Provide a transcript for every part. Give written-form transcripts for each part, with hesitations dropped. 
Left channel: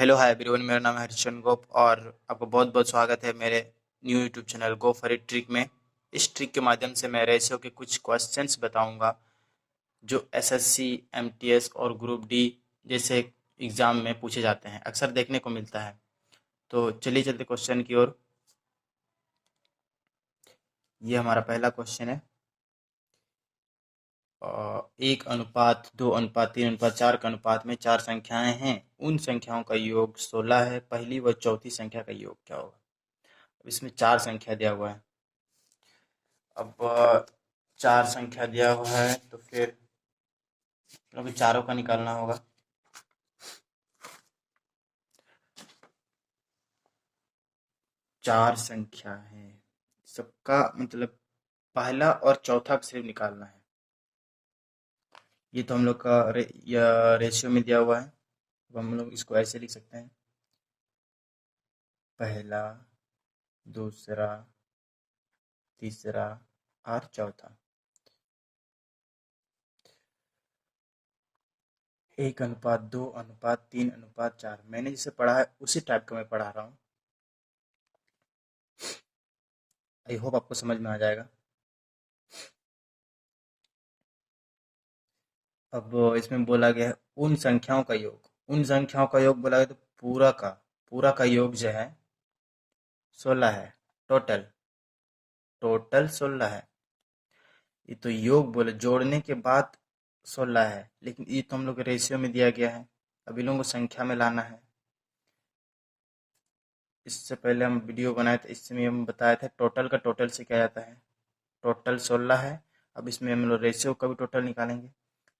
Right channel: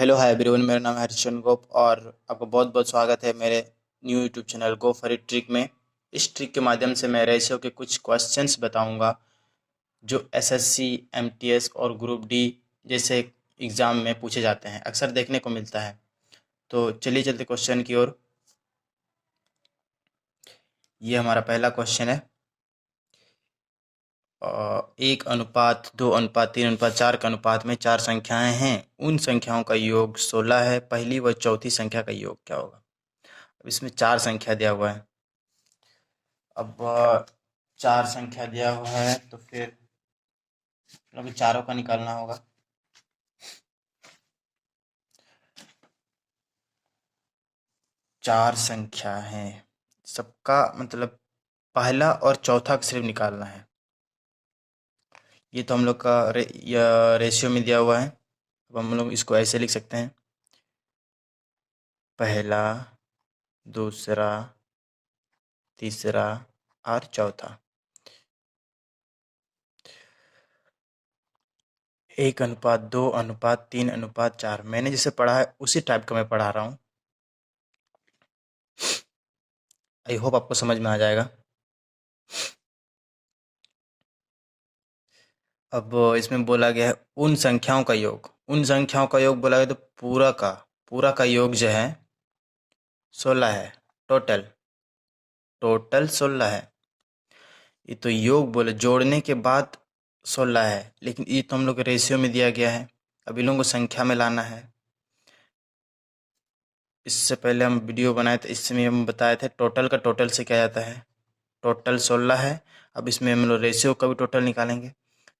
Hello hi everyone, मेरा नाम है हरिश्चंद्र गोप और आपका बहुत बहुत स्वागत है मेरे new YouTube channel go for it trick में। इस ट्रिक के माध्यम से मैं रेशियो के कुछ क्वेश्चंस बताऊंगा जो एसएससी, एमटीएस और ग्रुप डी जैसे एग्ज़ाम में पूछे जाते हैं, अक्सर देखने को मिलता है। तो चलिए चलते क्वेश्चन की ओर। ये हमारा पहला क्वेश्चन है। 1:2:3:4 के अनुपात में चार संख्याएं हैं। उन संख्याओं का योग 16 है। पहली व चौथी संख्या का योग क्या होगा? अब इसमें चार संख्या दिया हुआ है। अब चार संख्या दिया हुआ है तो फिर मतलब चारों का निकालना होगा। चार संख्या है, सबका मतलब पहला और चौथा का सिर्फ निकालना है। ये तो हम लोग का रेशियो में दिया हुआ है। अब हम लोग इसको ऐसे लिख सकते हैं: पहला, दूसरा, तीसरा और चौथा। 1:2:3:4 मैंने जैसे पढ़ा है उसी टाइप का मैं पढ़ा रहा हूँ। आई होप आपको समझ में आ जाएगा। अब इसमें बोला गया है उन संख्याओं का योग। उन संख्याओं का योग बोला गया तो पूरा का योग जो है 16 है। टोटल टोटल 16 है। ये तो योग बोले जोड़ने के बाद 16 है, लेकिन ये तो हम लोग के रेशियो में दिया गया है। अब इन लोगों को संख्या में लाना है। इससे पहले हम वीडियो बनाए थे, इसमें हम बताए थे टोटल का टोटल से क्या जाता है। टोटल 16 है। अब इसमें हम लोग रेशियो का भी टोटल निकालेंगे।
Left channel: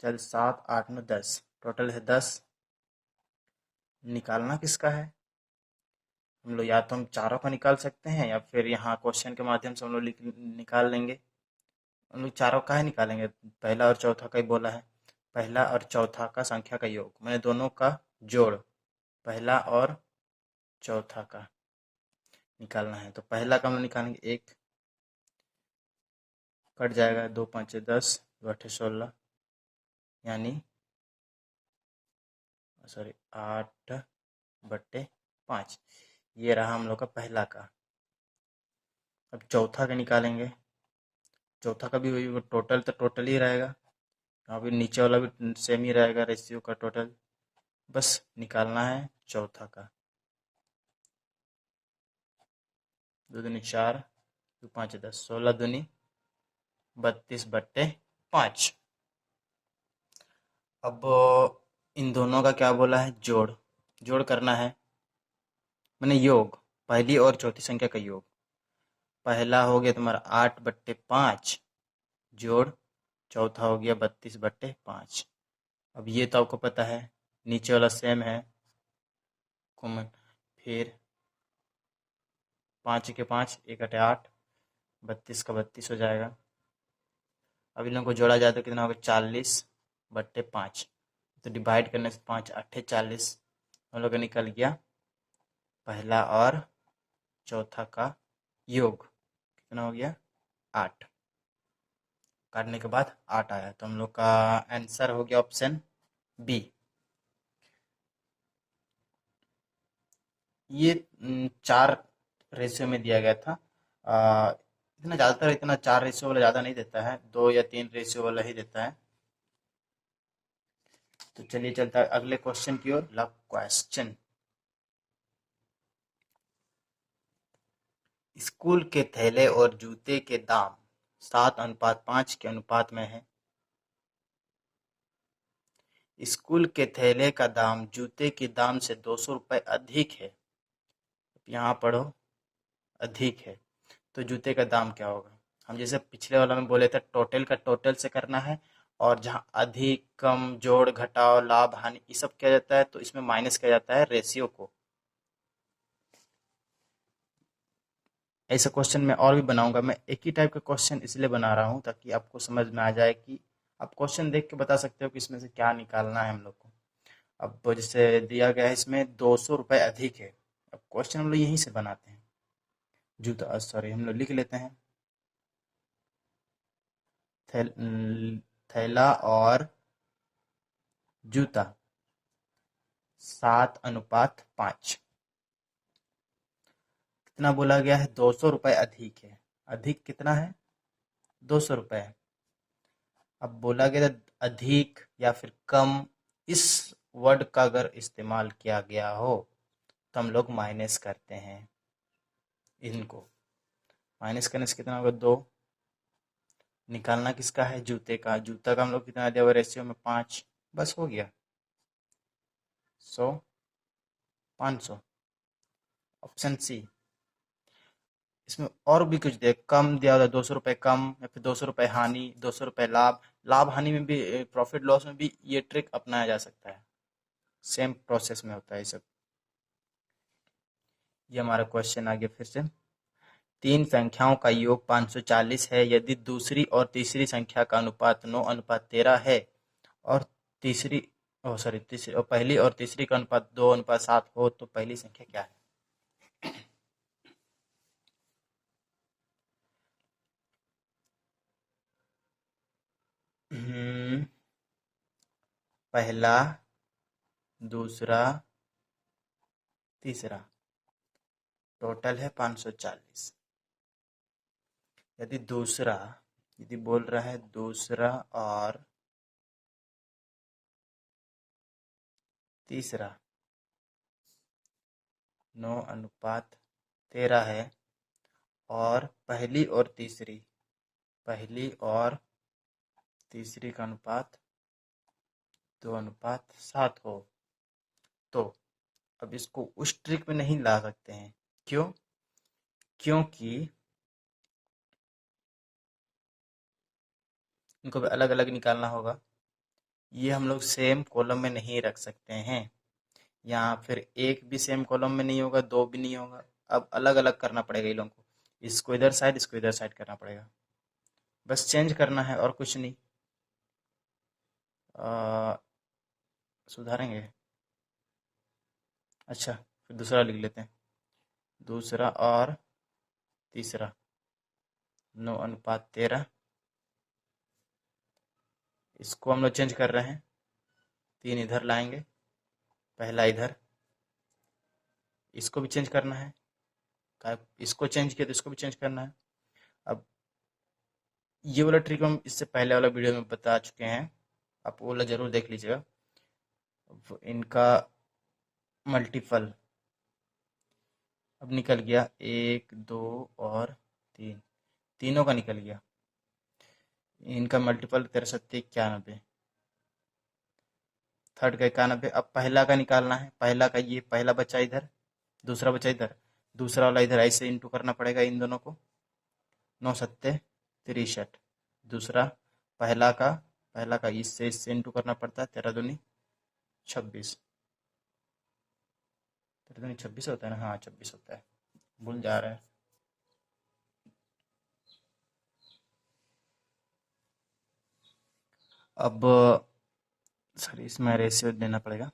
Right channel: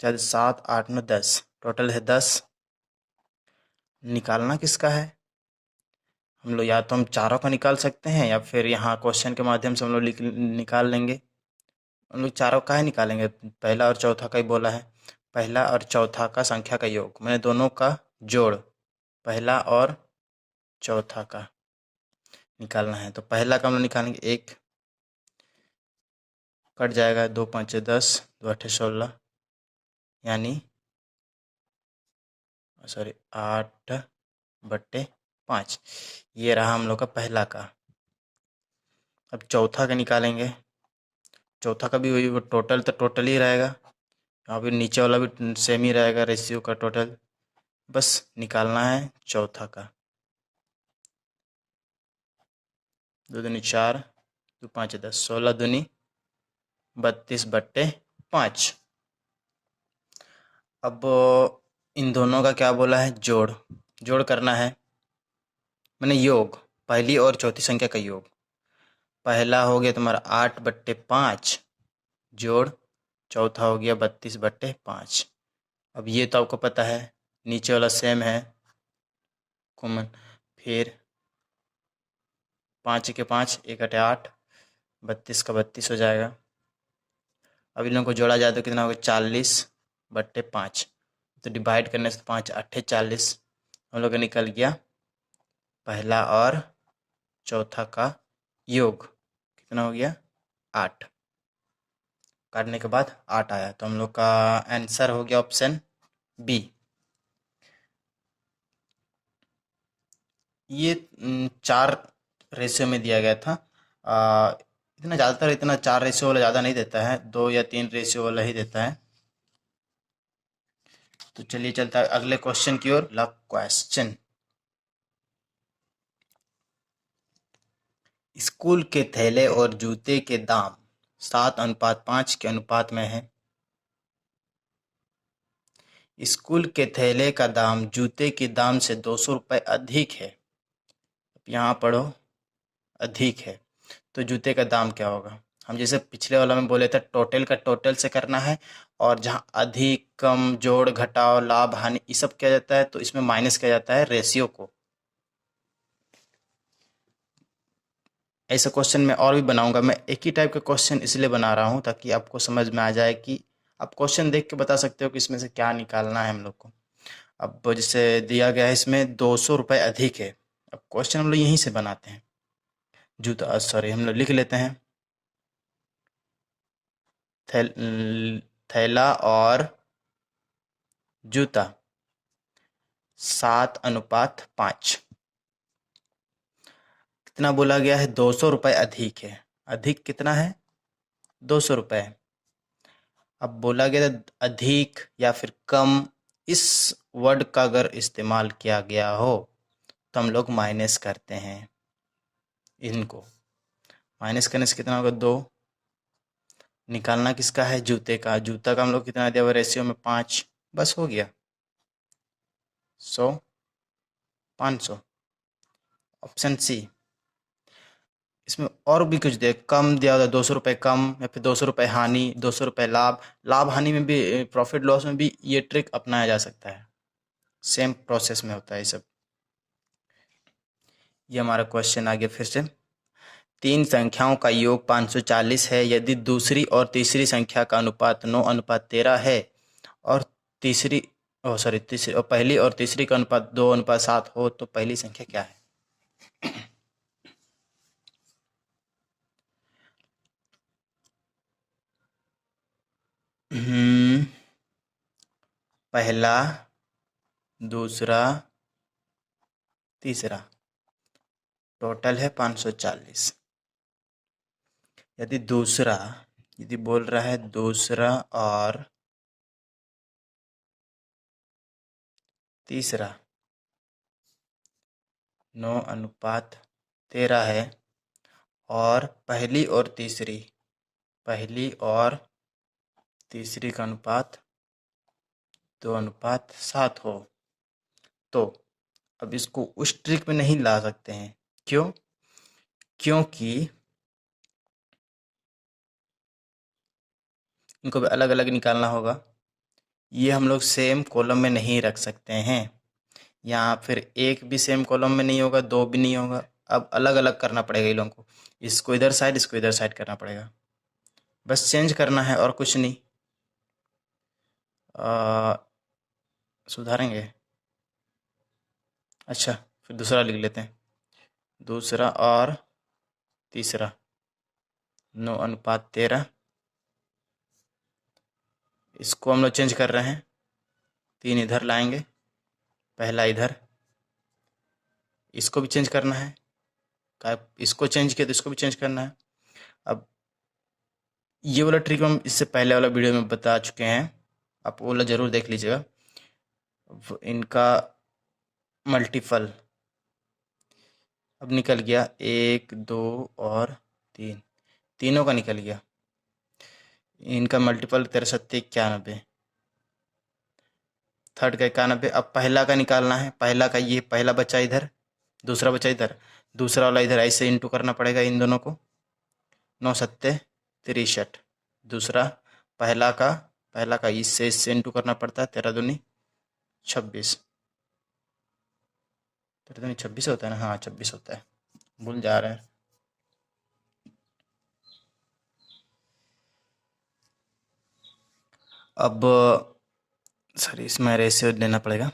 चाहे 7, 8, 9, 10, टोटल है 10। निकालना किसका है? हम लोग या तो हम चारों का निकाल सकते हैं या फिर यहाँ क्वेश्चन के माध्यम से हम लोग निकाल लेंगे। हम लोग चारों का ही निकालेंगे। पहला और चौथा का ही बोला है। पहला और चौथा का संख्या का योग मैंने दोनों का जोड़ पहला और चौथा का निकालना है। तो पहला का हम लोग निकालेंगे 1, कट जाएगा 2 5 10, 2 8 16, यानी सॉरी 8/5। ये रहा हम लोग का पहला का। अब चौथा का निकालेंगे। चौथा का भी वही, वो टोटल तो टोटल ही रहेगा। यहाँ भी नीचे वाला भी सेम ही रहेगा, रेशियो का टोटल। बस निकालना है चौथा का। 2 दूनी 4, 2 5 10, 16 दूनी 32/5। अब इन दोनों का क्या बोला है? जोड़। जोड़ करना है, मैंने योग, पहली और चौथी संख्या का योग। पहला हो गया तुम्हारा 8/5 जोड़ चौथा हो गया 32/5। अब ये तो आपको पता है, नीचे वाला सेम है कॉमन। फिर 5 के 5, 1 8 8, 32 का 32 हो जाएगा। अब इन लोगों को जोड़ा जाए तो कितना होगा? 40/5। तो डिवाइड करने से 5 8 40 हम लोग का निकल गया पहला और चौथा का योग। कितना हो गया? 8। काटने के बाद 8 आया, तो हम लोग का आंसर हो गया ऑप्शन बी। ये चार रेशियो में दिया गया था। इतना ज़्यादातर इतना चार रेशियो वाला ज़्यादा नहीं देता है, 2 या 3 रेशियो वाला ही देता है। तो चलिए चलता है अगले क्वेश्चन की ओर। अगला क्वेश्चन, स्कूल के थैले और जूते के दाम 7:5 के अनुपात में है। स्कूल के थैले का दाम जूते के दाम से 200 रुपये अधिक है। यहाँ पढ़ो, अधिक है। तो जूते का दाम क्या होगा? हम जैसे पिछले वाला में बोले थे टोटल का टोटल से करना है, और जहाँ अधिक कम जोड़ घटाव लाभ हानि ये सब किया जाता है तो इसमें माइनस किया जाता है रेशियो को। ऐसा क्वेश्चन मैं और भी बनाऊंगा। मैं एक ही टाइप का क्वेश्चन इसलिए बना रहा हूँ ताकि आपको समझ में आ जाए कि आप क्वेश्चन देख के बता सकते हो कि इसमें से क्या निकालना है हम लोग को। अब जैसे दिया गया है इसमें 200 रुपये अधिक है। अब क्वेश्चन हम लोग यहीं से बनाते हैं। जूता सॉरी हम लोग लिख लेते हैं थैला और जूता 7:5। कितना बोला गया है? 200 रुपये अधिक है। अधिक कितना है? 200 रुपये। अब बोला गया था अधिक या फिर कम, इस वर्ड का अगर इस्तेमाल किया गया हो तो हम लोग माइनस करते हैं। इनको माइनस करने से कितना होगा? 2। निकालना किसका है? जूते का। जूता का हम लोग कितना दिया हुआ रेशियो में? 5। बस हो गया। 100, 500। Option C. इसमें और भी कुछ दे, कम दिया होगा 200 रुपये कम, या फिर 200 रुपये हानि, 200 रुपये लाभ। लाभ हानि में भी, प्रॉफिट लॉस में भी ये ट्रिक अपनाया जा सकता है। सेम प्रोसेस में होता है ये सब। ये हमारा क्वेश्चन आ गया फिर से। 3 संख्याओं का योग 540 है यदि दूसरी और तीसरी संख्या का अनुपात 9:13 है और तीसरी तीसरी और पहली और तीसरी का अनुपात 2:7 हो तो पहली संख्या क्या है? पहला, दूसरा, तीसरा, टोटल है 540। यदि दूसरा, यदि बोल रहा है दूसरा और तीसरा 9:13 है और पहली और तीसरी का अनुपात 2:7 हो तो अब इसको उस ट्रिक में नहीं ला सकते हैं। क्यों? क्योंकि इनको भी अलग अलग निकालना होगा। ये हम लोग सेम कॉलम में नहीं रख सकते हैं। यहाँ फिर एक भी सेम कॉलम में नहीं होगा, 2 भी नहीं होगा। अब अलग अलग करना पड़ेगा इन लोगों को। इसको इधर साइड, इसको इधर साइड करना पड़ेगा। बस चेंज करना है और कुछ नहीं। सुधारेंगे। अच्छा, फिर दूसरा लिख लेते हैं। दूसरा और तीसरा 9:13। इसको हम लोग चेंज कर रहे हैं। 3 इधर लाएंगे, पहला इधर। इसको भी चेंज करना है। इसको चेंज किया तो इसको भी चेंज करना है। अब ये वाला ट्रिक हम इससे पहले वाला वीडियो में बता चुके हैं, आप वो वाला ज़रूर देख लीजिएगा। इनका मल्टीपल अब निकल गया, 1, 2 और 3, तीनों का निकल गया। इनका मल्टीपल 63, 91, थर्ड का 91। अब पहला का निकालना है। पहला का ये पहला बच्चा इधर, दूसरा बच्चा इधर, दूसरा वाला इधर, ऐसे इंटू करना पड़ेगा इन दोनों को। 9×7 = 63। दूसरा पहला का इससे इंटू करना पड़ता है। 13×2 = 26। 13×2 = 26 होता है ना? हाँ, 26 होता है, भूल जा रहे हैं। अब सॉरी, इसमें रेशियो लेना पड़ेगा।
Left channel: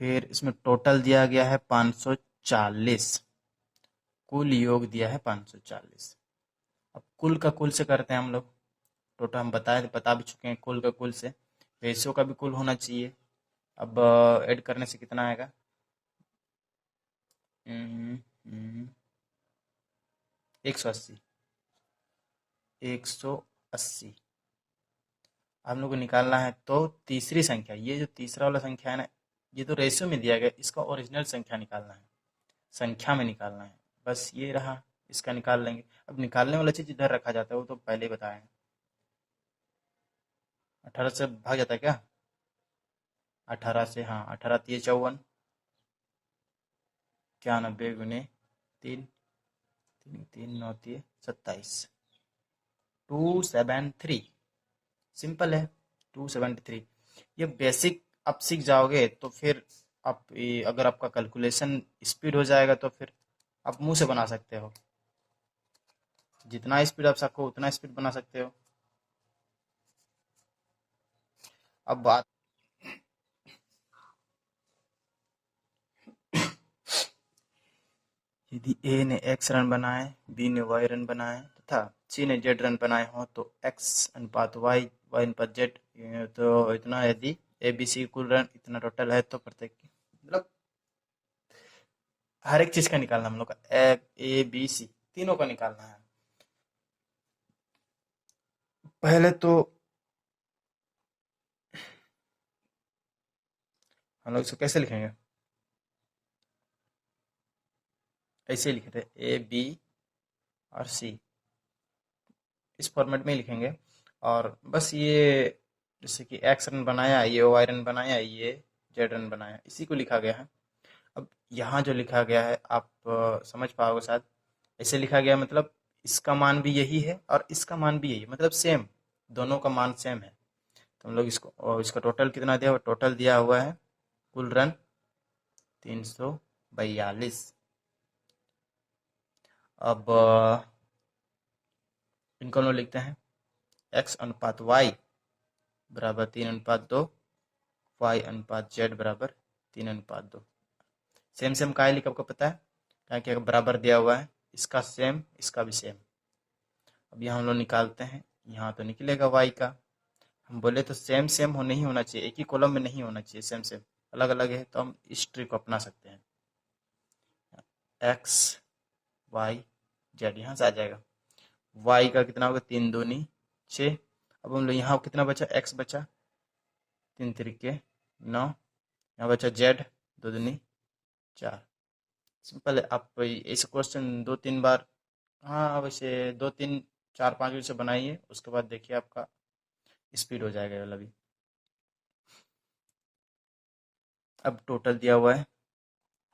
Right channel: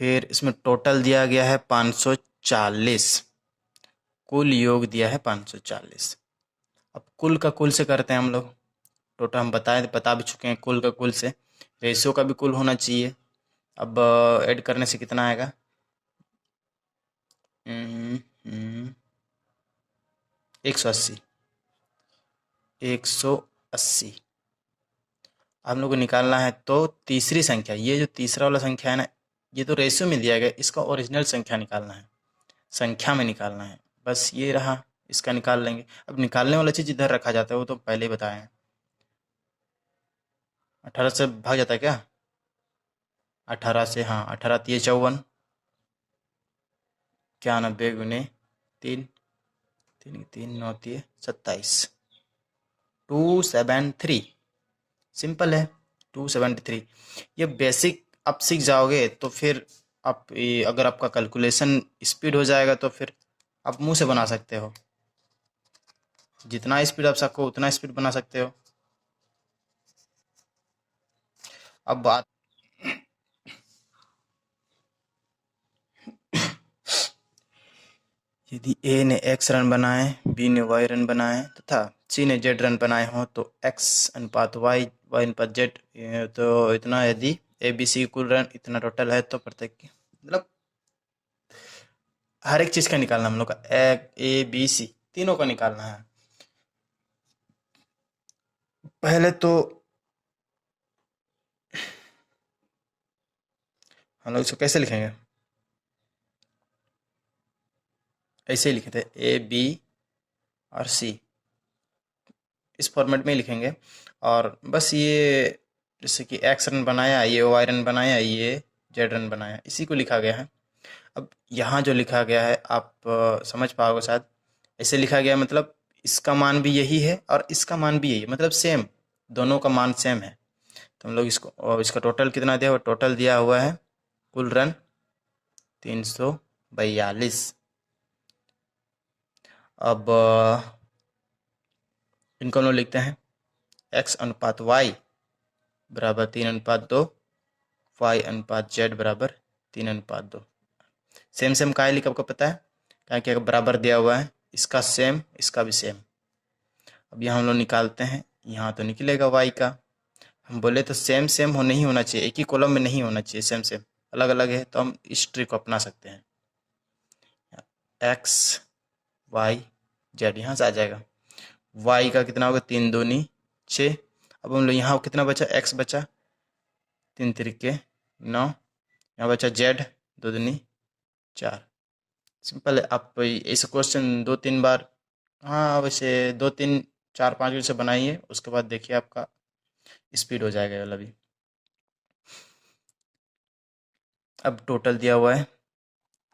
फिर इसमें टोटल दिया गया है 540, कुल योग दिया है 540। अब कुल का कुल से करते हैं हम लोग। टोटल हम बता भी चुके हैं, कुल का कुल से। रेशियो का भी कुल होना चाहिए। अब ऐड करने से कितना आएगा? 180। 180 हम लोग को निकालना है। तो तीसरी संख्या, ये जो तीसरा वाला संख्या है ना, ये तो रेशियो में दिया गया, इसका ओरिजिनल संख्या निकालना है, संख्या में निकालना है। बस ये रहा, इसका निकाल लेंगे। अब निकालने वाला चीज़ इधर रखा जाता है, वो तो पहले ही बताए हैं। 18 से भाग जाता है क्या? 18 से, हाँ, 18 × 3 = 54। 91 × 3, 3 9 3 27, 273। सिंपल है, 273। ये बेसिक आप सीख जाओगे तो फिर आप अगर आपका कैलकुलेशन स्पीड हो जाएगा तो फिर आप मुंह से बना सकते हो। जितना स्पीड आप सको उतना स्पीड बना सकते हो। अब बात, यदि ए ने x रन बनाए, बी ने y रन बनाए तथा सी ने z रन बनाए हों तो x अनुपात y, y अनुपात z, तो इतना यदि ए बी सी कुल रन इतना टोटल है, तो प्रत्येक मतलब हर एक चीज का निकालना हम लोग का, ए बी सी तीनों का निकालना है। पहले तो हम लोग इसको कैसे लिखेंगे, ऐसे ही लिखे थे ए बी और सी, इस फॉर्मेट में ही लिखेंगे। और बस ये जैसे कि एक्स रन बनाया, ये वाई रन बनाया, ये जेड रन बनाया, इसी को लिखा गया है। अब यहाँ जो लिखा गया है आप समझ पाओगे शायद, ऐसे लिखा गया मतलब इसका मान भी यही है और इसका मान भी यही है, मतलब सेम, दोनों का मान सेम है। तो हम लोग इसको, और इसका टोटल कितना दिया हुआ, टोटल दिया हुआ है कुल रन 342। अब इनको हम लोग लिखते हैं x अनुपात y बराबर 3:2, y अनुपात z बराबर 3:2। सेम सेम का लिखा आपको पता है, क्या क्या बराबर दिया हुआ है, इसका सेम इसका भी सेम। अब यहाँ हम लोग निकालते हैं, यहाँ तो निकलेगा y का, हम बोले तो सेम सेम हो नहीं होना चाहिए, एक ही कॉलम में नहीं होना चाहिए, सेम सेम अलग अलग है, तो हम इस ट्रिक को अपना सकते हैं। x y z यहाँ से आ जाएगा, y का कितना होगा 3 दूनी 6। अब हम लोग यहाँ कितना बचा, x बचा 3 तिरिके 9, यहाँ बचा z 2 दूनी 4। सिंपल है, आप ऐसे क्वेश्चन 2-3 बार, हाँ वैसे 2-3-4-5 से बनाइए, उसके बाद देखिए आपका स्पीड हो जाएगा वाला भी। अब टोटल दिया हुआ है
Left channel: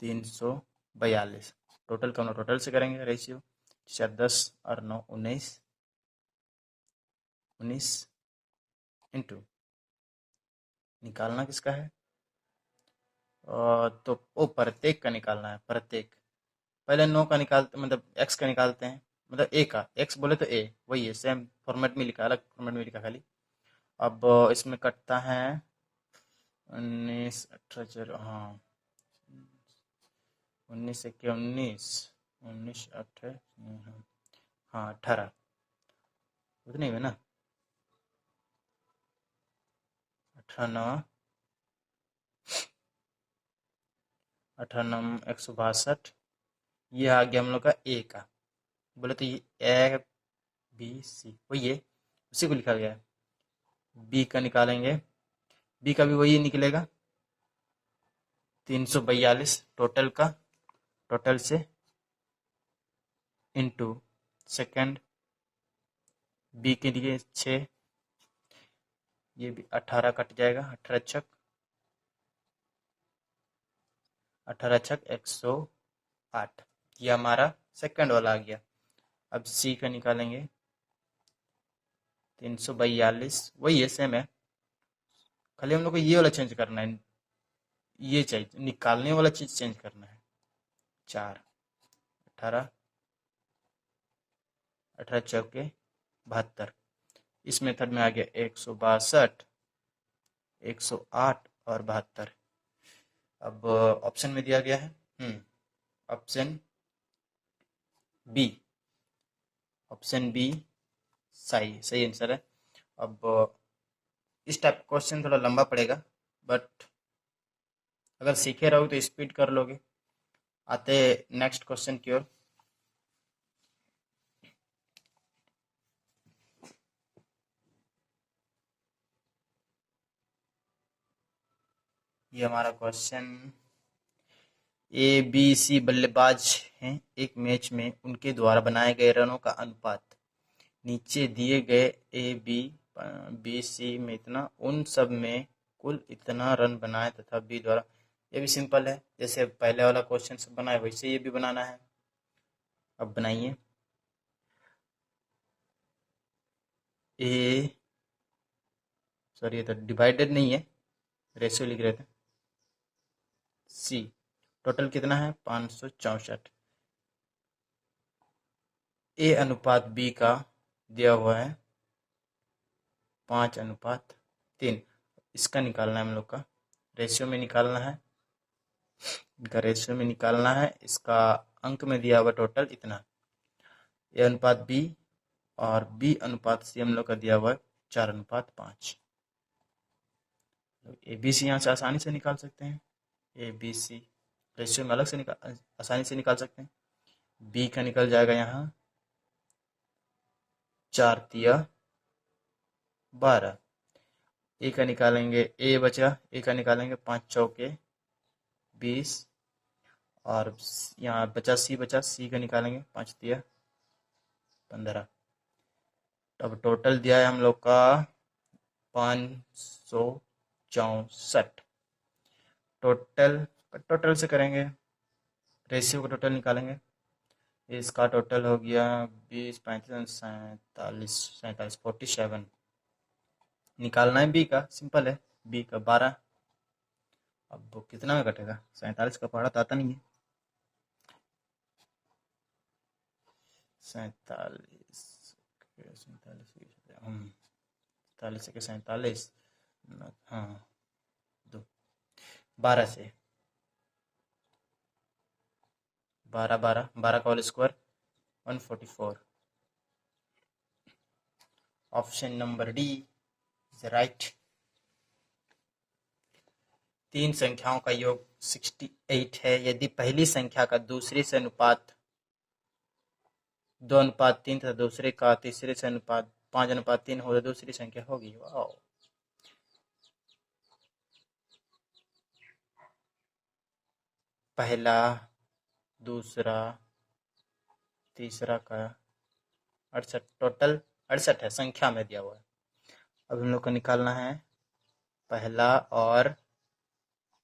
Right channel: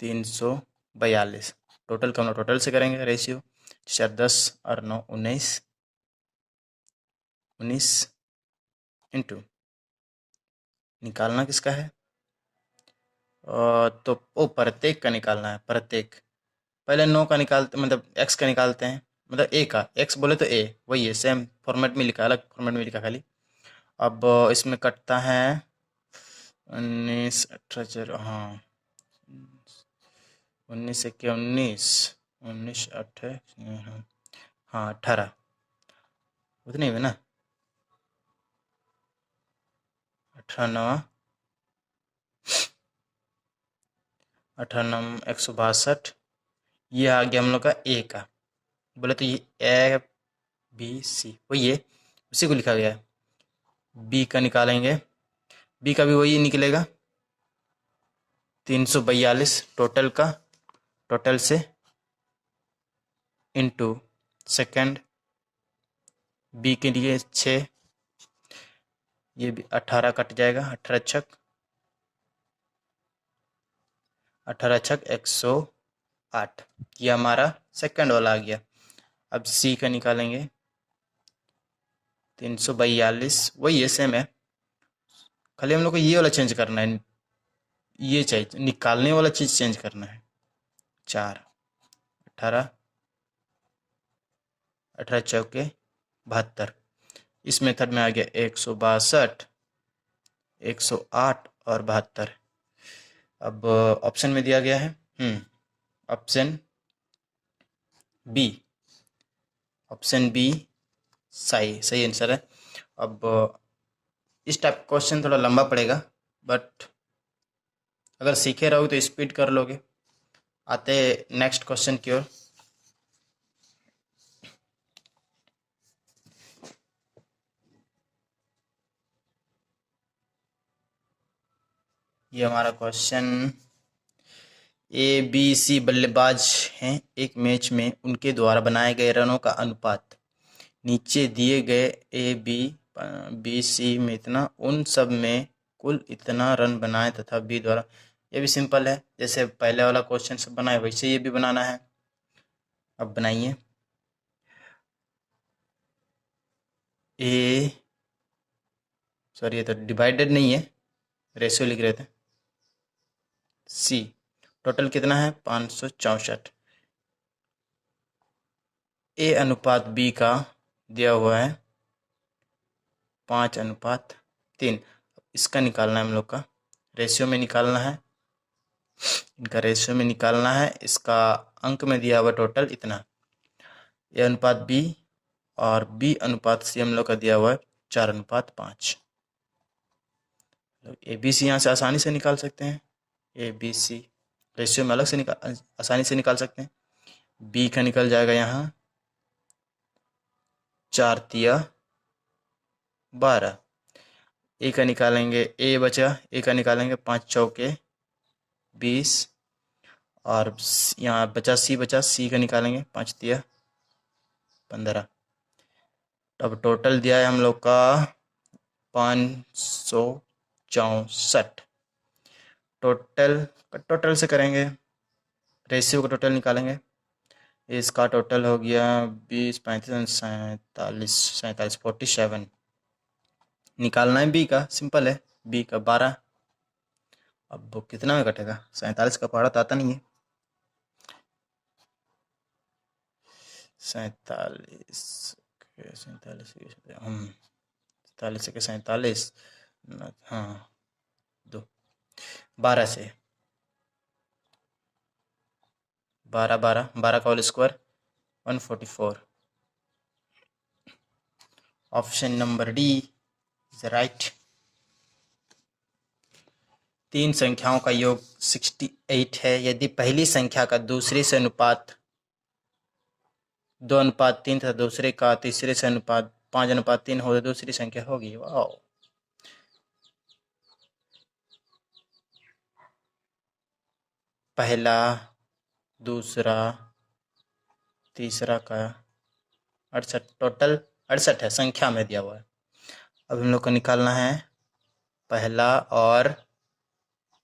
342, टोटल का हम लोग टोटल से करेंगे रेशियो, 4 10 और 9 19, 19 इंटू निकालना किसका है, तो वो प्रत्येक का निकालना है, प्रत्येक। पहले 9 का निकालते, मतलब एक्स का निकालते हैं, मतलब ए का, एक्स बोले तो ए वही है, सेम फॉर्मेट में लिखा, अलग फॉर्मेट में लिखा खाली। अब इसमें कटता है 19 18, हाँ 19 के 19, 19 18, हाँ 18, उतने में ना, 18 18 162, ये आ गया हम लोग का ए का, बोले तो ये ए बी सी वही है, उसी को लिखा गया है। बी का निकालेंगे, बी का भी वही निकलेगा 342 टोटल का, टोटल से इनटू सेकंड, बी के लिए 6, ये भी 18 कट जाएगा, 18 छक 108, ये हमारा सेकंड वाला आ गया। अब सी का निकालेंगे 342, वही है सेम है, खाली हम लोग को ये वाला चेंज करना है, ये चाहिए निकालने वाला चीज़ चेंज करना है। 4 18 18 चौके 72, इस मेथड में आ गया 162 108 और 72। अब ऑप्शन में दिया गया है ऑप्शन बी, ऑप्शन बी सही सही आंसर है। अब इस टाइप क्वेश्चन थोड़ा लंबा पड़ेगा, बट अगर सीखे रहोगे तो स्पीड कर लोगे। आते नेक्स्ट क्वेश्चन की ओर। ये हमारा क्वेश्चन, ए बी सी बल्लेबाज हैं, एक मैच में उनके द्वारा बनाए गए रनों का अनुपात नीचे दिए गए ए बी बी सी में इतना, उन सब में कुल इतना रन बनाए तथा बी द्वारा, ये भी सिंपल है, जैसे पहले वाला क्वेश्चन सब बनाए वैसे ये भी बनाना है। अब बनाइए, ए सॉरी ये तो डिवाइडेड नहीं है, रेशियो लिख रहे थे। सी टोटल कितना है 564, ए अनुपात बी का दिया हुआ है 5:3, इसका निकालना है हम लोग का, रेशियो में निकालना है, इनका रेशियो में निकालना है, इसका अंक में दिया हुआ टोटल इतना, ए अनुपात बी और बी अनुपात सी हम लोग का दिया हुआ है 4:5। तो ए बी सी यहाँ से आसानी से निकाल सकते हैं। ए बी सी रेशियो में अलग से आसानी से निकाल सकते हैं। बी का निकल जाएगा यहाँ 4 तिया 12। ए का निकालेंगे, ए बचा, ए का निकालेंगे 5 चौके 20। और यहाँ बचा सी का निकालेंगे 5 तिया 15। अब टोटल दिया है हम लोग का 564। टोटल से करेंगे, रेशियो का टोटल निकालेंगे। इसका टोटल हो गया 20 35 47 47 47। निकालना है बी का, सिंपल है। बी का 12। अब वो कितना में कटेगा? 47 का पहाड़ा तो आता नहीं है। 47 47 47 के 47, हाँ 2 12 से 12 12 12 का whole square 144। Option number D is right. 3 संख्याओं का योग 68 है। यदि पहली संख्या का दूसरे से अनुपात 2:3 तथा दूसरे का तीसरे से अनुपात 5:3 हो तो दूसरी संख्या होगी। वाह, पहला दूसरा तीसरा का 68, टोटल 68 है, संख्या में दिया हुआ है। अब हम लोग को निकालना है पहला और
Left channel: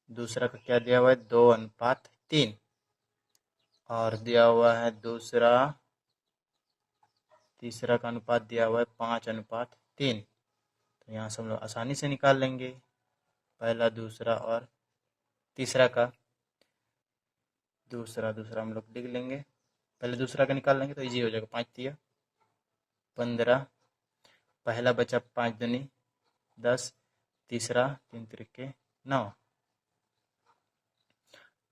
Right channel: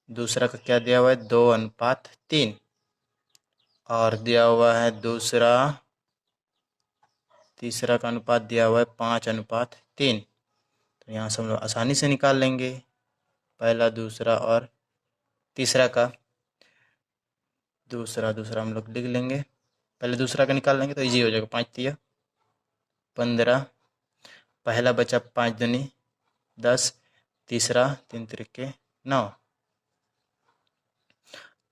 दूसरा का क्या दिया हुआ है 2:3, और दिया हुआ है दूसरा तीसरा का अनुपात दिया हुआ है 5:3। तो यहाँ से हम लोग आसानी से निकाल लेंगे पहला दूसरा और तीसरा का। दूसरा हम लोग लिख लेंगे, पहले दूसरा का निकाल लेंगे तो इजी हो जाएगा। 5 तिया 15, पहला बचा 5 दूनी 10, तीसरा 3 तिरिके 9।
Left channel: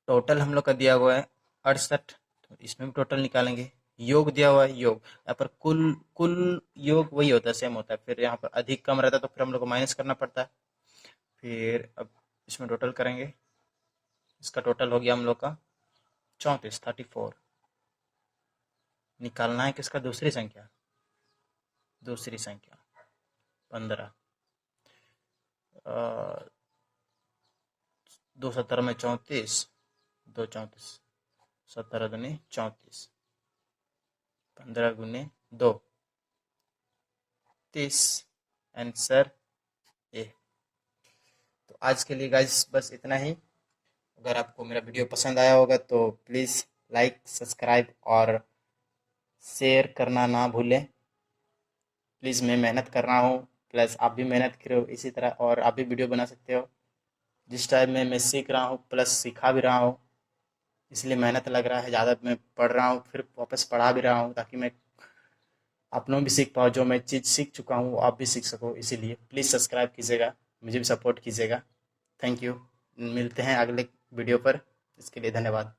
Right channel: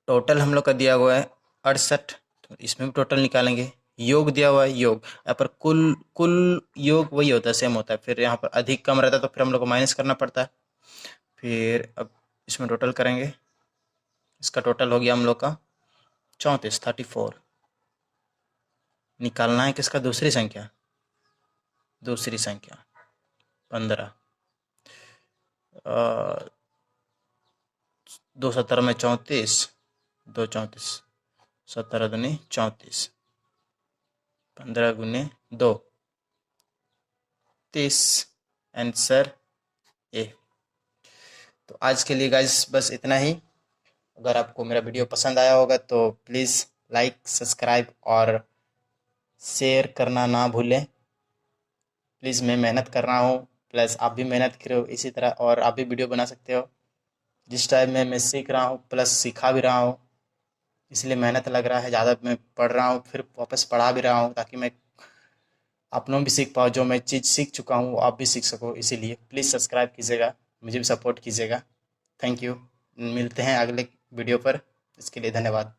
टोटल हम लोग का दिया हुआ है 68, तो इसमें भी टोटल निकालेंगे। योग दिया हुआ है, योग यहाँ पर कुल योग वही होता है, सेम होता है। फिर यहाँ पर अधिक कम रहता है तो फिर हम लोग को माइनस करना पड़ता है। फिर अब इसमें टोटल करेंगे, इसका टोटल हो गया हम लोग का 34 निकालना है किसका? दूसरी संख्या 15। 2 17 में 34, 2 34, 17 दूनी 34, 15 गुने 2 30। Answer A. तो आज के लिए गाइस बस इतना ही। अगर आपको मेरा वीडियो पसंद आया होगा तो प्लीज़ लाइक सब्सक्राइब और शेयर करना ना भूलें। प्लीज़ मैं मेहनत कर रहा हूँ, प्लस आप भी मेहनत करो इसी तरह, और आप भी वीडियो बना सकते हो। जिस टाइम में मैं सीख रहा हूँ प्लस सिखा भी रहा हूँ, इसलिए मेहनत लग रहा है ज़्यादा। मैं पढ़ रहा हूँ फिर वापस पढ़ा भी रहा हूँ ताकि मैं आप लोग भी सीख पाओ। जो मैं चीज़ सीख चुका हूँ वो आप भी सीख सको। इसीलिए प्लीज़ सब्सक्राइब कीजिएगा, मुझे भी सपोर्ट कीजिएगा। Thank you. मिलते हैं अगले वीडियो पर, इसके लिए धन्यवाद।